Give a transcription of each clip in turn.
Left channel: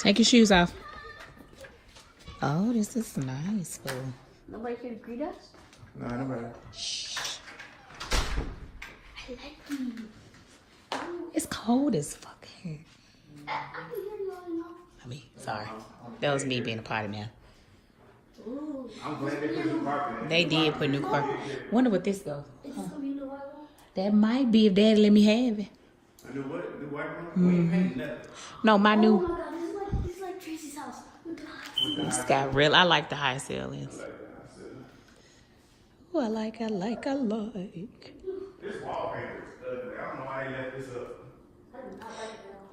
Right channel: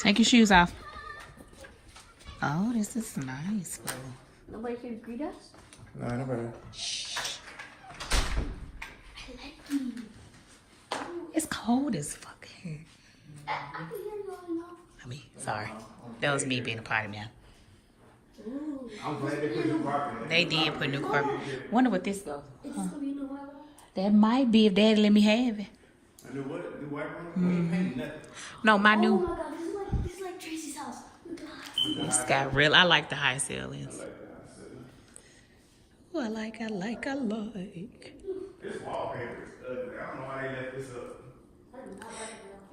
Take your shoes off. Oh, this is nice, fool. Nobody can greet us? No, nobody. It's cold as fuck here. I mean, sorry. That was me being a party man. I'm glad they put new carpet in. They did put new carpet. Wonder what this go. That might be if Daddy let me have it. A new what? New white room? No, my Oh new. my god, this is like Tracy's house. With the high It's got real. I like the high ceilings. Oh, I like. This wallpaper is ugly. I don't know why they left this up.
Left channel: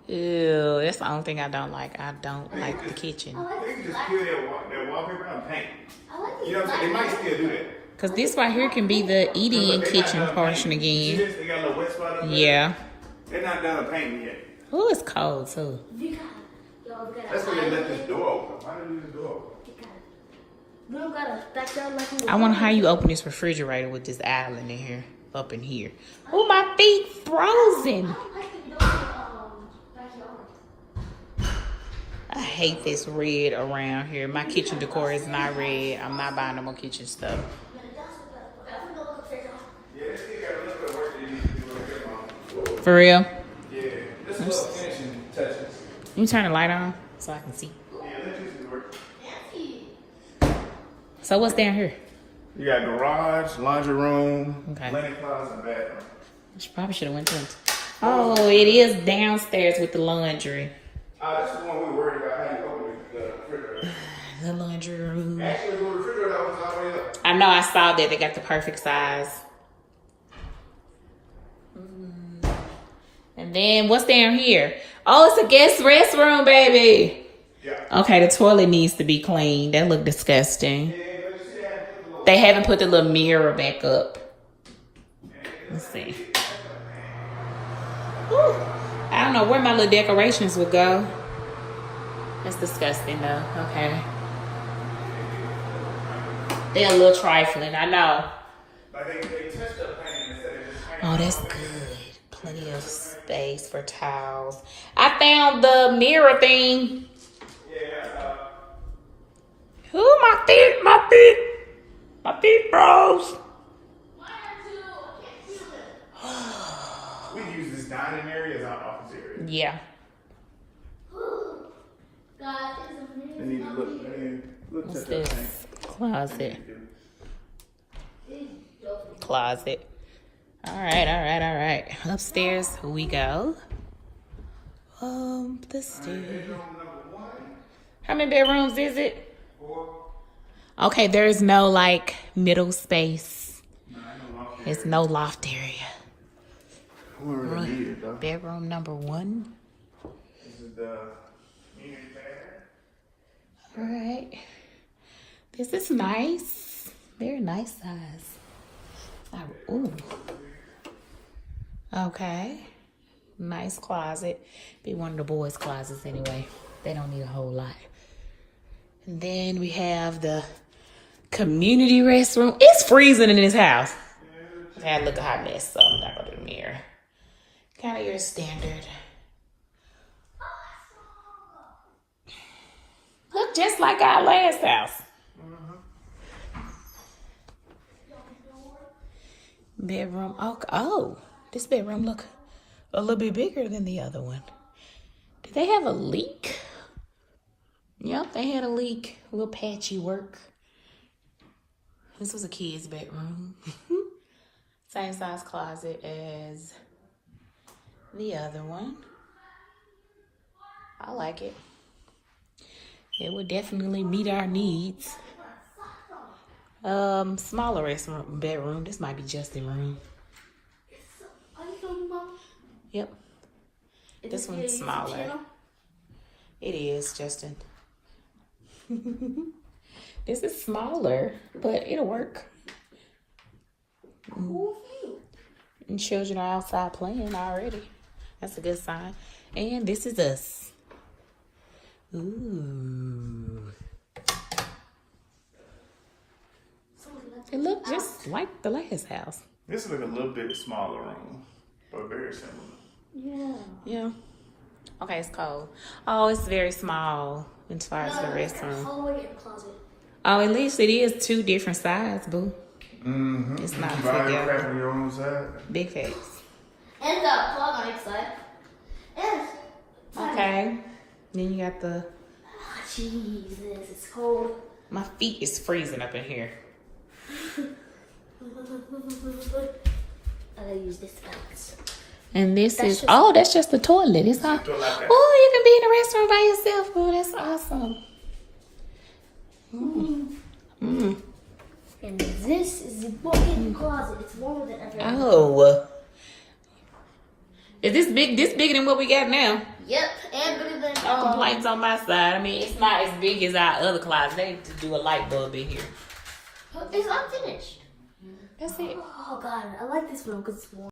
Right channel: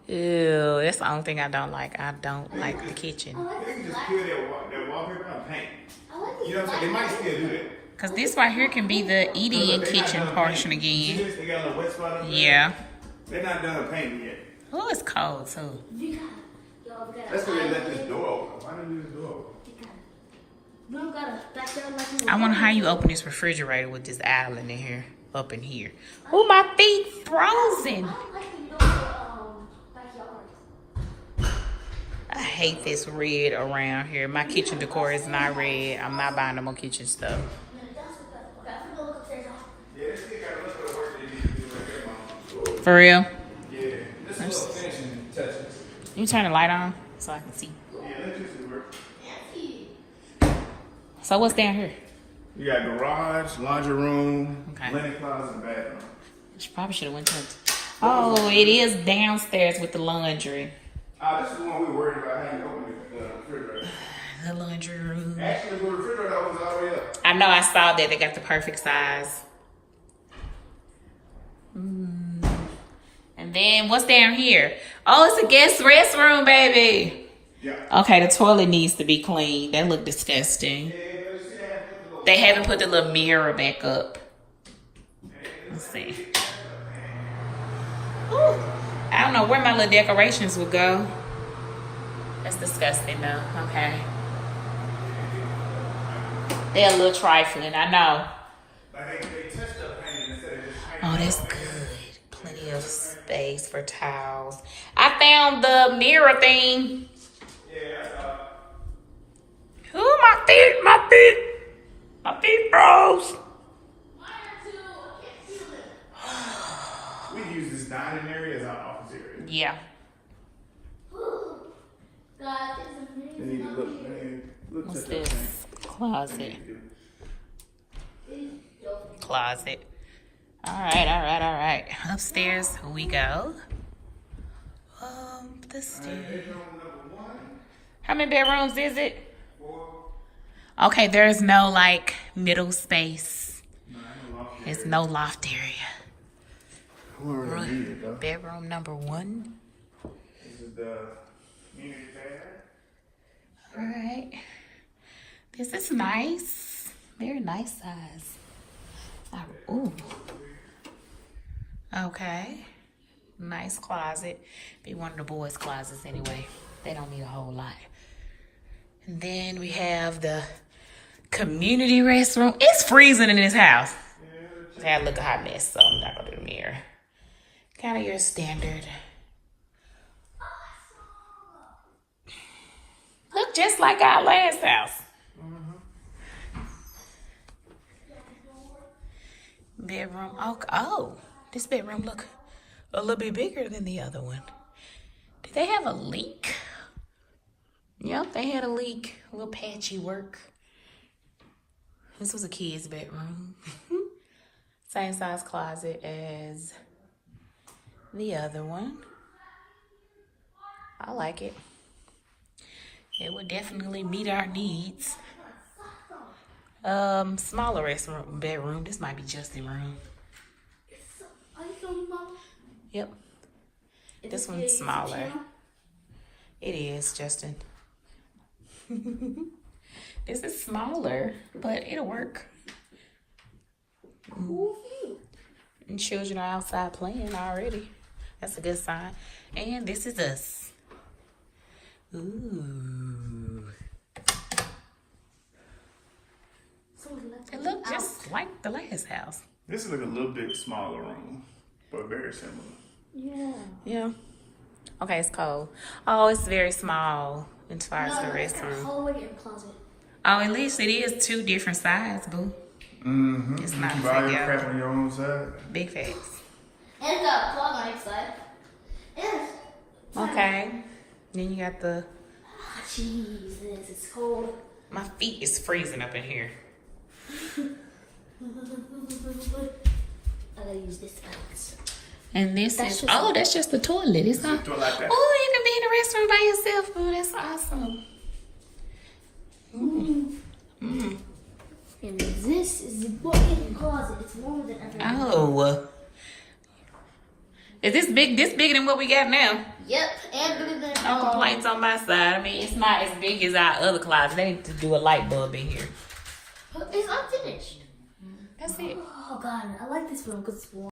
Ew, that's the only thing I don't like. I don't like the kitchen. They can just peel that wallpaper out and paint. You know what I'm saying? They might still do that. Cause this right here can be the eating and kitchen portion again. They got a little wet spot up there. Yeah. They're not done painting yet. Oh, it's cold too. That's why they left this door open. Why did they leave the door open? We don't got a backyard like in I wonder how you open this refrigerator with this island in here, up in here. Oh, my feet frozen. I hate this red around here. My kitchen decor is not red. I'm not buying no more kitchen stuff. For real? Yeah. This is little finishing touches. You turn the light on so I can see. Yeah, electricity work. So what's down here? You got garage, laundry room, Okay. linen closet, and bathroom. I probably should have went to it. Oh, it is downstairs with the laundry. That's the one we were worried about. How you open the refrigerator? The laundry room. Actually, the refrigerator opens all the way up. I know I saw that. They got the perfect size. And then what's down here? Oh, it's a guest restroom, baby. Yeah. Okay, the toilet needs to be cleaned. That look disgusting. They haven't put the little mirror back up. Let's see. Whew. I don't know where my little decorations would go. That's disgusting though. Okay. They're a little trifling, I know. Oh, that's good. Plenty of space for towels. I found the mirror thing. Ooh, my feet froze. We can use this dining area as our office area. Yeah. They need to look touch up thing. Closet. Closet. All right. Upstairs we go. The stairs. How many bedrooms is it? 4. Okay, there's no like middle space. There's no loft area. Bedroom number 1. This is the community bathroom. All right. This is nice. Very nice size. Ooh. Okay. Nice closet. Be one of the boys' closets anyway. They don't need a whole lot. And then we have the community restroom. It's freezing in this house. I had to look a hot mess, so I'm not gonna do the mirror. Kind of your standard. Look just like our last house. Bedroom. Oh, this bedroom look a little bit bigger than the other one. Did they have a leak? Yep, they had a leak. A little patchy work. This was a kid's bedroom. Same size closet as the other one. I like it. It would definitely meet our needs. Smaller bedroom. This might be Justin's room. Yep. This one's smaller. It is, Justin. This is smaller, but it'll work. And children are outside playing already. That's a good sign. And this is us. Ooh. It looked just like the last house. This is like a little bit smaller room, but very similar. Yeah. Yeah. Okay, it's cold. Oh, it's very small as far as the restroom. Hallway and closet. Oh, at least it is 2 different sides, boo. Mm-hmm. It's not you buy your together. crap on your own side. Big facts. And the plug on each side. And Okay. Then you got the. Jesus, it's cold. My feet is freezing up in here. I gotta use this box. And this That's is. just- Oh, that's just the toilet. It's not. Do it like that. Oh, you can be in the restaurant by yourself. Oh, that's awesome. And this is the walk-in closet. It's warmer than ever. Oh. Is this big? This bigger than what we got now? Yep, and bigger than No complaints on my side. I mean, it's not as big as our other closet. They need to do a light bulb in here. It's unfinished. That's it. Oh god, I like this room because it's warm.